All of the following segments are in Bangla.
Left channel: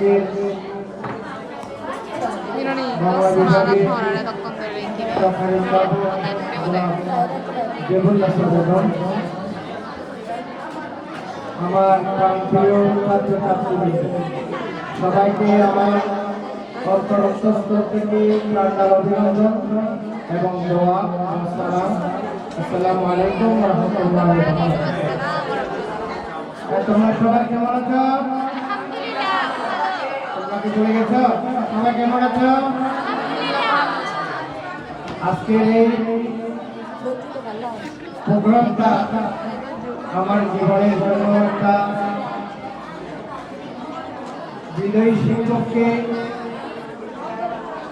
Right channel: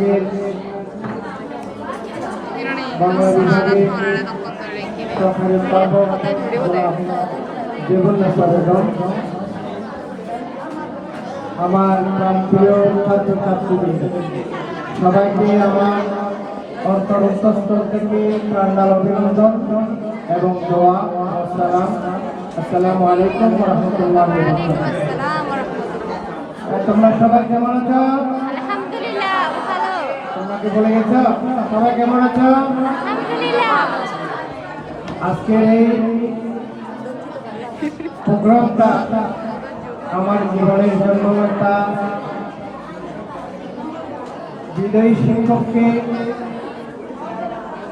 আজকে বাংলা বিভাগের সরকারি স্বাগতম। আমার প্রিয় ছাত্রছাত্রীদের সবাইকে আমার অন্তরস্থল থেকে প্রাণাল অভিনন্দন এবং দোয়া ও সালাম। আসসালামু আলাইকুম ওয়া রাহমাতুল্লাহি ওয়া বারাকাতুহু। তোমরা সবাই কেমন আছো? তোমাকে বলে গেছ সবাই কেমন আছো? আজকের এই প্রোগ্রামটা আমার জীবনের জন্য একটা বিদায়ী শিক্ষককে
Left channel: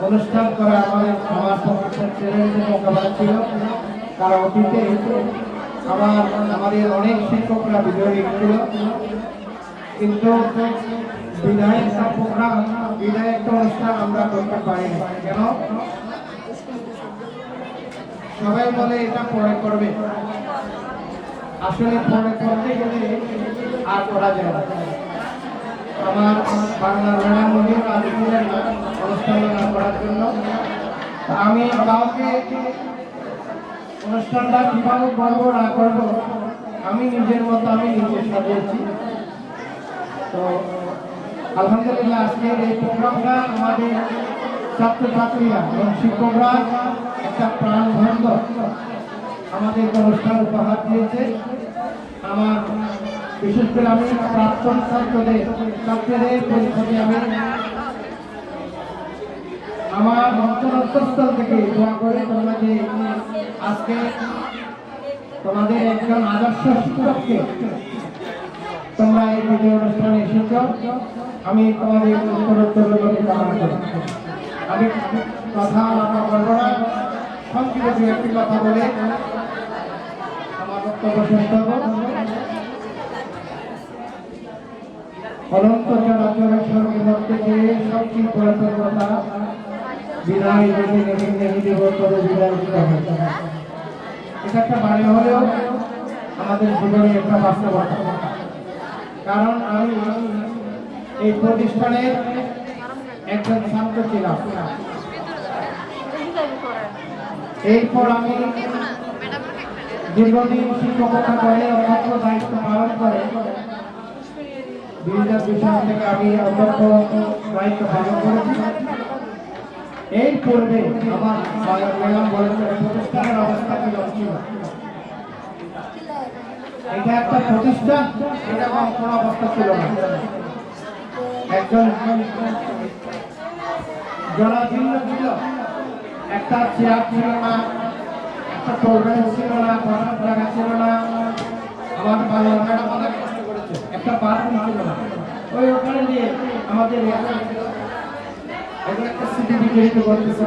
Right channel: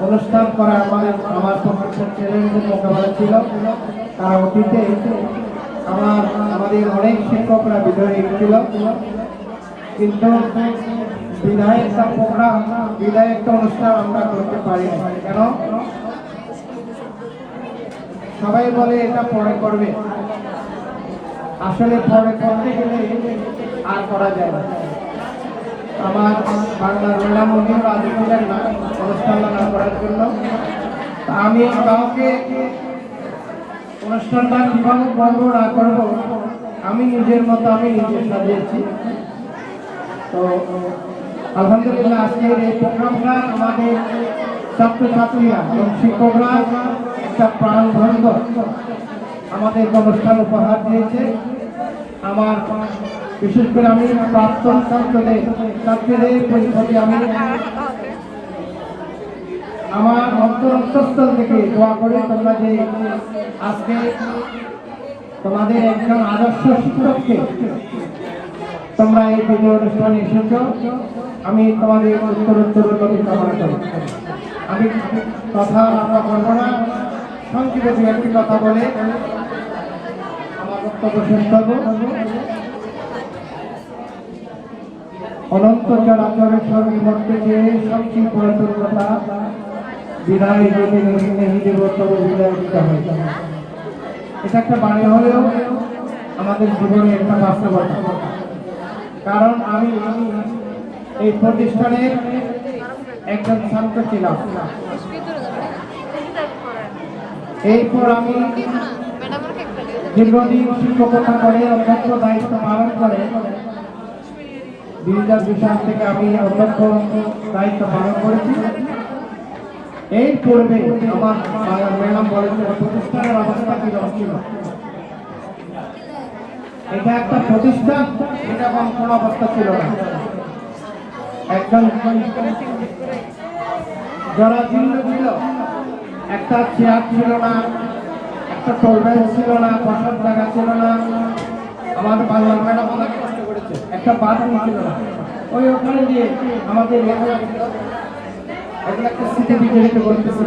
অনুষ্ঠান করা আমার পক্ষের চ্যালেঞ্জের মোকাবেলা ছিল। কারণ অতীতে আমাদের অনেক শিক্ষকরা বিদায় নিয়েছিল, কিন্তু বিদায় একটা প্রোগ্রাম, বিদায় একটা অনুষ্ঠান আমরা করতে পারি না। কেন? সবাই বলে এটা পরে করবে, আসলে পরে করতে গেলে আর করা যায় না। আমার বাংলার ম্যাডাম উনিও রাজি হলেন না অনুষ্ঠান না করার জন্য। আমি কাউকে অনুষ্ঠানটা কিভাবে করবো না করবো আমি নিজের মতো আমি নিজে সাজিয়েছি। তো আলহামদুলিল্লাহ আজকের এই প্রোগ্রামটা আমাদের ছাত্রছাত্রীরা এবং শিক্ষকরা একটা প্রাণবন্ধ আমাদের অনুষ্ঠান উপহার দিয়েছে। আমার বিশেষ করে আমি প্রাক্তন ছাত্রীদের প্রতি আমি আমার অন্তরস্থল থেকে দোয়া করি, তোমরা যে আজকে তোমাদের একজন আদর্শ শিক্ষককে তোমরা এই ভিডিও অনুষ্ঠানে এসেছ, আমি তোমাদের উত্তরোত্তর কামনা করি। আমি কথা আমরা বলবো না, সংক্ষেপে দু একটি কথা বলে আমার বক্তব্য শেষ করবো। অনন্ত চরাচরের সঙ্গে মধ্যে যে সবচেয়ে পুরাতন কথা বিদায় যদি নেই দেব তবে বিদায় দিতে হবে। এটা একটা বাণী হলেও আমাদের জীবনে একটা বাস্তবতা। কারণ আমি এই প্রতিষ্ঠানের একজন ছাত্র ছিলাম, এরপর আমি দীর্ঘদিন শিক্ষকতা করে অধ্যক্ষ দায়িত্ব পালন করে 2002 সাল থেকে আমি অধ্যক্ষ দায়িত্ব পালন করেছি। এই পূর্বে আমার ম্যাডাম বলেছেন প্রতিষ্ঠানের অবস্থা কি ছিল। এটা একটা প্রতিষ্ঠান, এটা কোনো অবস্থা ছিল না। একজন জরাজীর্ণ ছিল, একটা চেয়ার ছিল না, একটা টেবিল ছিল না, বসার জায়গা ছিল না। আমাদের বাংলা ম্যাডাম অনেক কষ্ট করেছে, একটা বাথরুম ছিল না। ওই ওখানে দিয়ে আমাদের এগুলো একটা স্মৃতি বিজড়িত করতেছে।